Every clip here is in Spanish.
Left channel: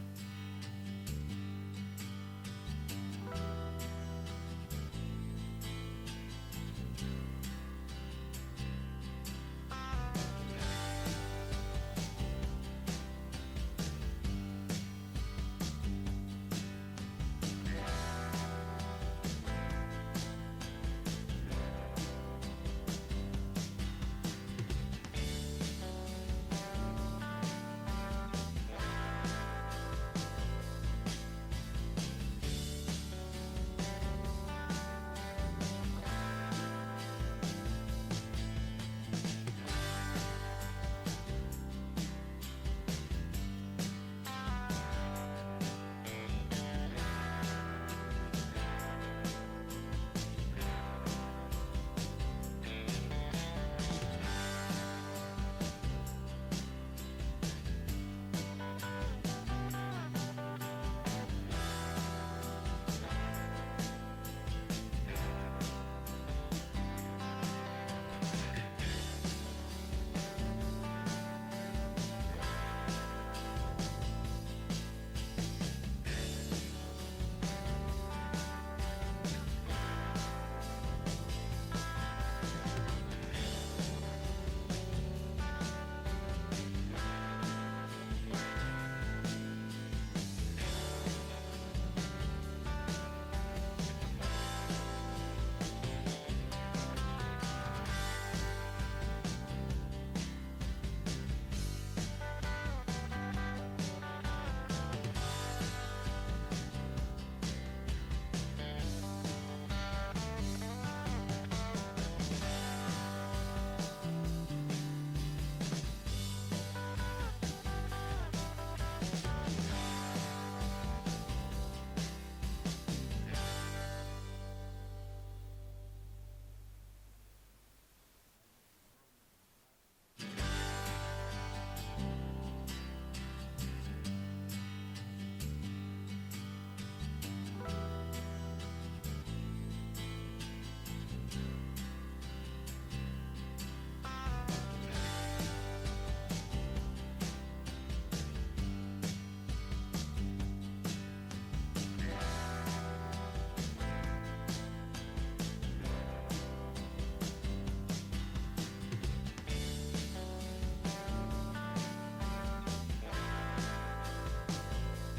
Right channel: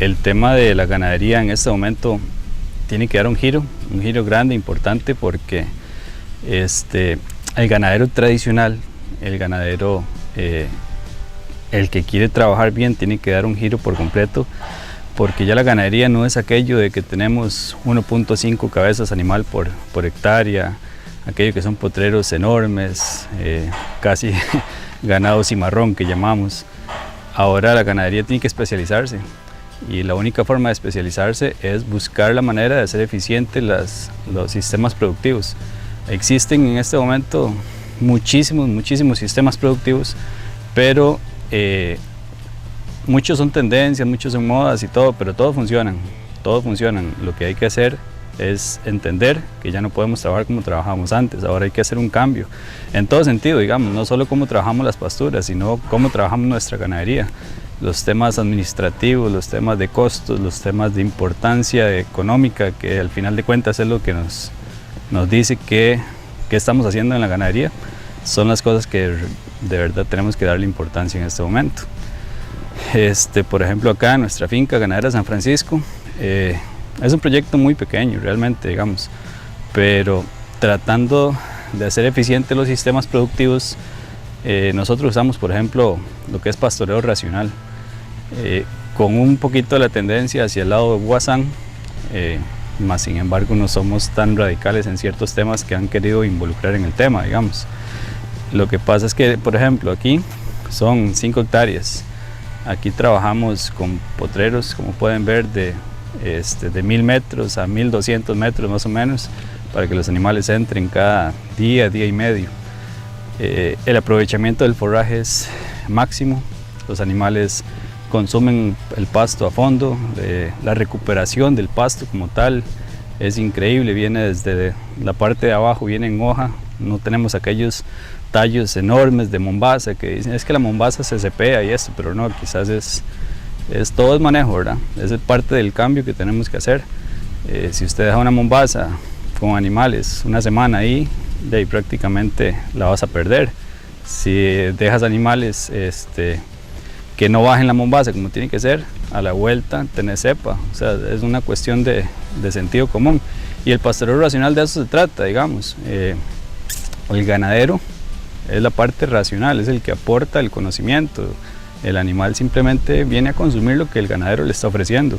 el tema de la ganadería en este momento tiene que dar un giro grande, importante, porque el ganadero tradicional, el ganadero, el que quiere trabajar bien, tiene que dar un giro por completo, porque ya la ganadería no es aquello de que tenemos 1.5 cabezas animal por hectárea, aquello que son potreros enormes, casi ganado cimarrón que llamamos. Ahora la ganadería tiene que especializarse, y la única forma de especializarse es buscar la manera de hacer eficientes los sistemas productivos. Existen en este momento muchísimos sistemas productivos, pero muchos son tendencias, muchos son modas y todo, pero todos funcionan. Lo que hay que hacer es entender que ya no podemos trabajar como trabajábamos antes. Ahora hay que hacer un cambio en todo sentido, digamos, no solo cómo trabajamos las pasturas, sino cómo trabajamos nuestra ganadería. Los temas administrativos, los temas de costos, los temas de importancia económica, que al final de cuentas es lo que nos dice qué estamos haciendo en la ganadería, son las cosas que de verdad tenemos que darle importancia en este momento. Por ejemplo, acá en nuestra finca ganadera San Francisco, es un proyecto muy pequeño realmente, digamos, pero tratando de hacer eficientes los sistemas productivos, nosotros usamos, por ejemplo, lo que es pastoreo racional, con un poquito de la tendencia hacia el lado de Guasán, más sin embargo no somos tan radicales en ciertos temas que han querido involucrar en el tema, digamos. Lo que pasa es que, por ejemplo, aquí son 5 hectáreas, aquí trabajamos con potreros, como pueden ver, de 1000 metros a 1200 metros más o menos, para que los animales entren cada día y medio. El aprovechamiento del forraje es máximo, los animales consumen el pasto a fondo, la recuperación del pasto como tal es increíble, viene desde la parte de abajo, viene en hoja, no tenemos aquellos tallos enormes de mombaza que dicen es que la mombaza se cepea y esto, pero no, quizás todo es manejo, ¿verdad? Es parte del cambio que tenemos que hacer. Si usted deja una mombaza con animales una semana ahí, de ahí prácticamente la vas a perder. Si dejas animales que no bajen la mombaza como tiene que ser, a la vuelta tenés cepa. O sea, es una cuestión de sentido común. Y el pastoreo racional de eso se trata, digamos. El ganadero es la parte racional, es el que aporta el conocimiento. El animal simplemente viene a consumir lo que el ganadero le está ofreciendo.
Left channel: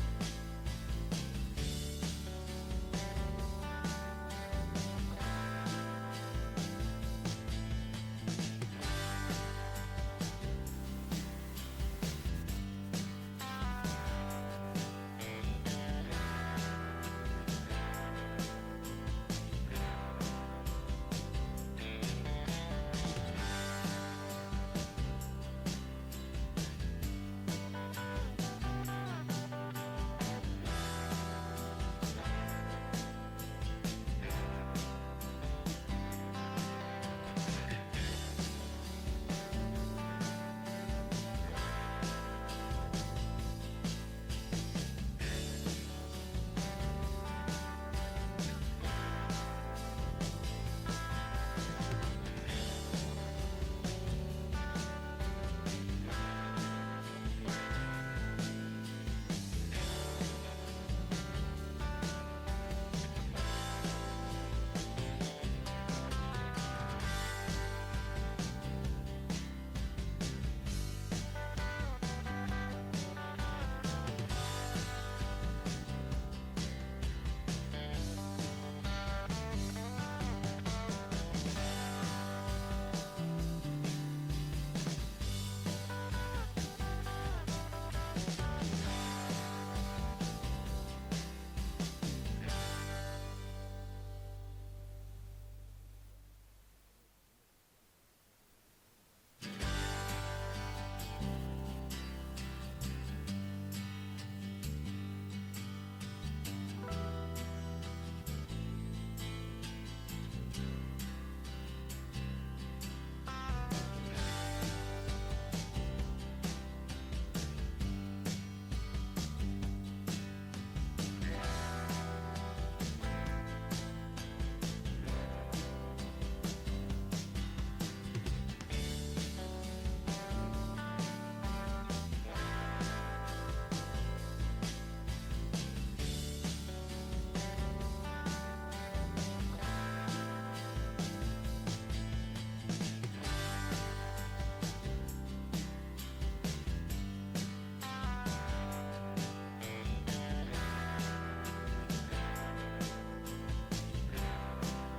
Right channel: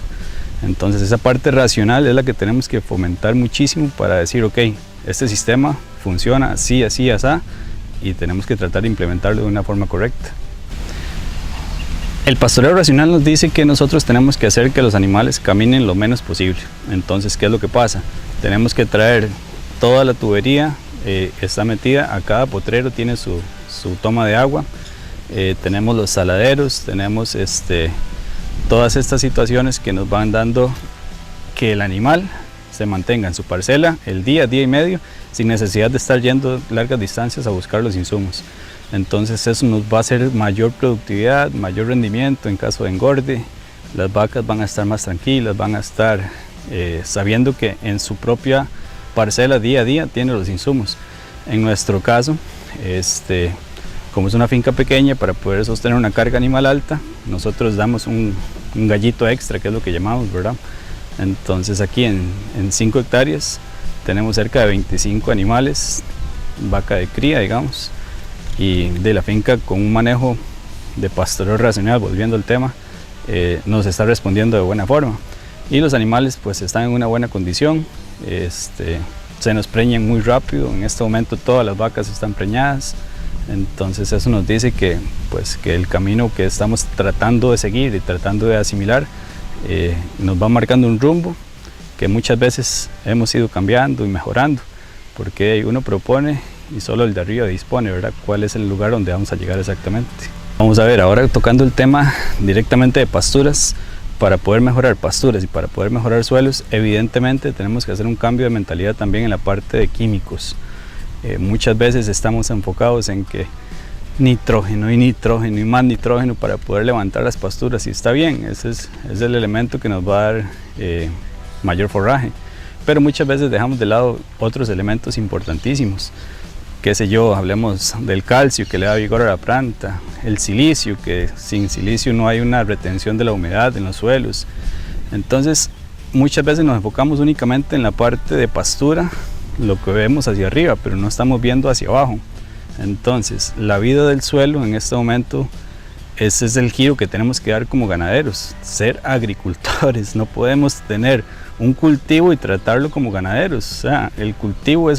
Entonces esa parte racional es la que tenemos que fomentar muchísimo para decir, ok, este sistema funciona así, así, así, y tenemos que tratar de implementarlo de una forma correcta. El pastoreo racional nos dice que nosotros tenemos que hacer que los animales caminen lo menos posible. Entonces, ¿qué es lo que pasa? Tenemos que traer toda la tubería, está metida, a cada potrero tiene su toma de agua, tenemos los saladeros, tenemos todas estas situaciones que nos van dando que el animal se mantenga en su parcela el día y medio sin necesidad de estar yendo largas distancias a buscar los insumos. Entonces eso nos va a hacer mayor productividad, mayor rendimiento en caso de engorde. Las vacas van a estar más tranquilas, van a estar sabiendo que en su propia parcela día a día tiene los insumos. En nuestro caso, como es una finca pequeña, para poder sostener una carga animal alta, nosotros damos un gallito extra, que es lo que llamamos, ¿verdad? Entonces aquí en 5 hectáreas tenemos cerca de 25 animales, vaca de cría, digamos, y de la finca con un manejo de pastoreo racional, volviendo al tema, nos está respondiendo de buena forma. Y los animales pues están en una buena condición, se nos preñan muy rápido, en este momento todas las vacas están preñadas. Entonces eso nos dice que el camino que estamos tratando de seguir y tratando de asimilar nos va marcando un rumbo que muchas veces hemos ido cambiando y mejorando, porque uno propone y solo el de arriba dispone, ¿verdad? ¿Cuál es el lugar donde vamos a llegar exactamente? Vamos a ver, ahora tocando el tema directamente de pasturas. Para poder mejorar pasturas y para poder mejorar suelos, evidentemente tenemos que hacer un cambio de mentalidad también en la parte de químicos. Muchas veces estamos enfocados en que nitrógeno y más nitrógeno para poder levantar las pasturas, y está bien, ese es el elemento que nos va a dar mayor forraje, pero muchas veces dejamos de lado otros elementos importantísimos. qué sé yo, hablemos del calcio que le da vigor a la planta, el silicio, que sin silicio no hay una retención de la humedad en los suelos. Entonces, muchas veces nos enfocamos únicamente en la parte de pastura, lo que vemos hacia arriba, pero no estamos viendo hacia abajo. Entonces, la vida del suelo en este momento, ese es el giro que tenemos que dar como ganaderos, ser agricultores. No podemos tener un cultivo y tratarlo como ganaderos. O sea, el cultivo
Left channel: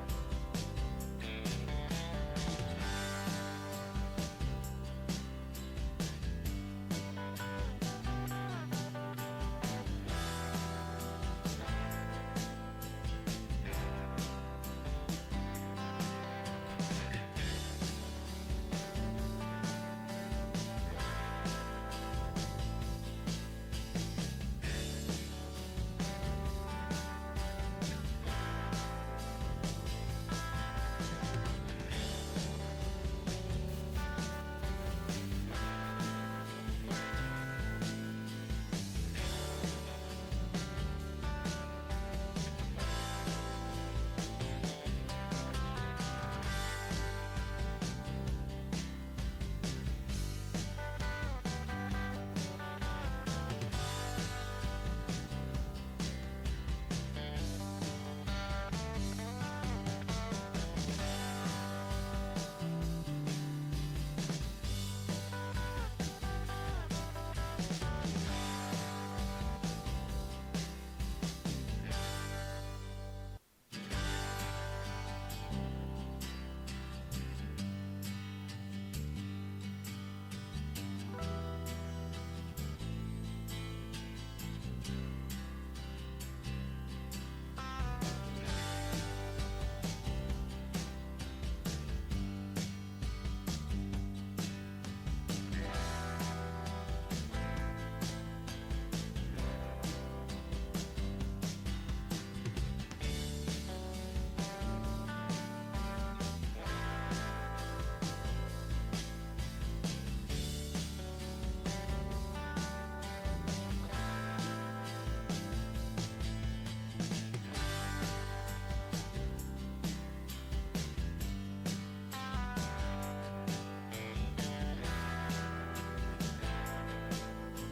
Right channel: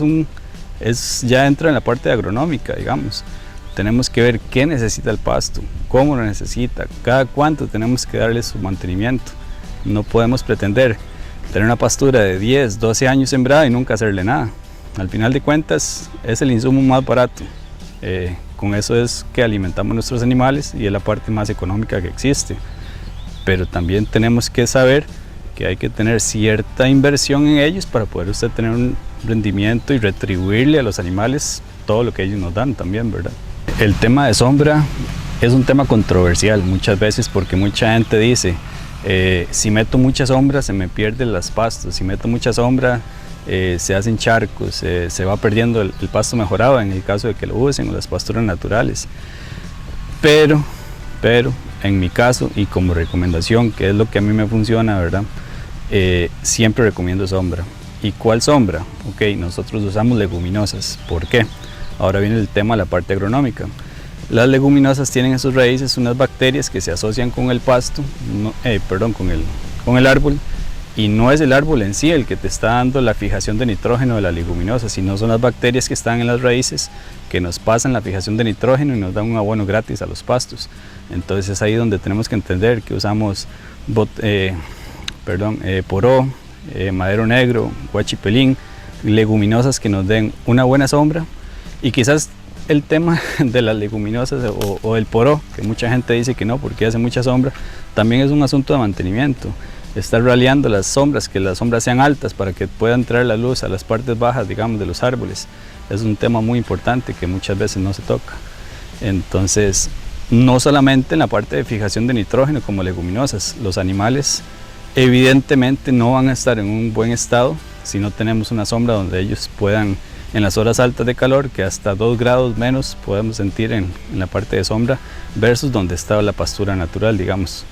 ya entra en la parte agronómica, digamos. Tenemos que ver qué necesita el pasto, cómo lo necesita, cada cuánto tenemos que darle su mantenimiento. No podemos pretender tener una pastura de 10, 12 años sembrada y nunca hacerle nada. Al final de cuentas es el insumo más barato. Con eso es que alimentamos nuestros animales y es la parte más económica que existe. Pero también tenemos que saber que hay que tener cierta inversión en ellos para poder usted tener un rendimiento y retribuirle a los animales todo lo que ellos nos dan también, ¿verdad? El tema de sombra es un tema controversial muchas veces porque mucha gente dice si meto mucha sombra se me pierden las pastos, si meto mucha sombra se hacen charcos, se va perdiendo el pasto mejorado en el caso de que lo usen o las pasturas naturales. Pero en mi caso y como recomendación, que es lo que a mí me funciona, ¿verdad? Siempre recomiendo sombra. ¿Y cuál sombra? Ok, nosotros usamos leguminosas. ¿Por qué? Ahora viene el tema de la parte agronómica. Las leguminosas tienen en sus raíces unas bacterias que se asocian con el pasto, con el árbol, y no es el árbol en sí el que te está dando la fijación de nitrógeno de la leguminosa, sino son las bacterias que están en las raíces que nos pasan la fijación de nitrógeno y nos dan un abono gratis a los pastos. Entonces es ahí donde tenemos que entender que usamos poró, madero negro, guachipelín, leguminosas que nos den una buena sombra. Y quizás el tema de las leguminosas o el poró, que mucha gente dice que no porque hace mucha sombra, también es un asunto de mantenimiento. Estar raleando las sombras, que las sombras sean altas para que pueda entrar la luz a las partes bajas, digamos, de los árboles. Es un tema muy importante que muchas veces no se toca. Entonces, no solamente en la parte de fijación de nitrógeno como leguminosas, los animales evidentemente no van a estar en un buen estado si no tenemos una sombra donde ellos puedan, en las horas altas de calor, que hasta 2 grados menos podemos sentir en la parte de sombra, versus donde está la pastura natural, digamos.